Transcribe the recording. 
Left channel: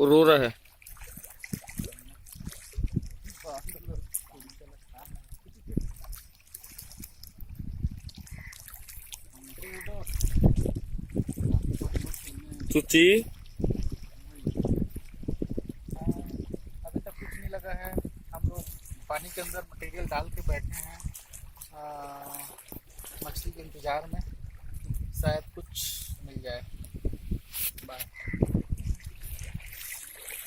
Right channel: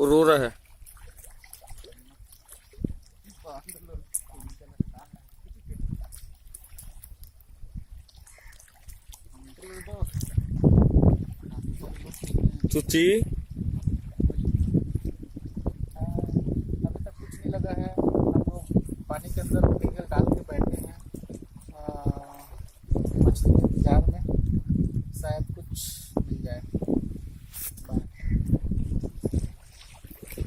वो रो रहा है। चुची अभी तक कुछ नहीं लगा है। हम लोग पानी के अंदर टेबल डाल के बैठे हैं मछली के इंतजार में, शायद कुछ मिल जाए। बाय।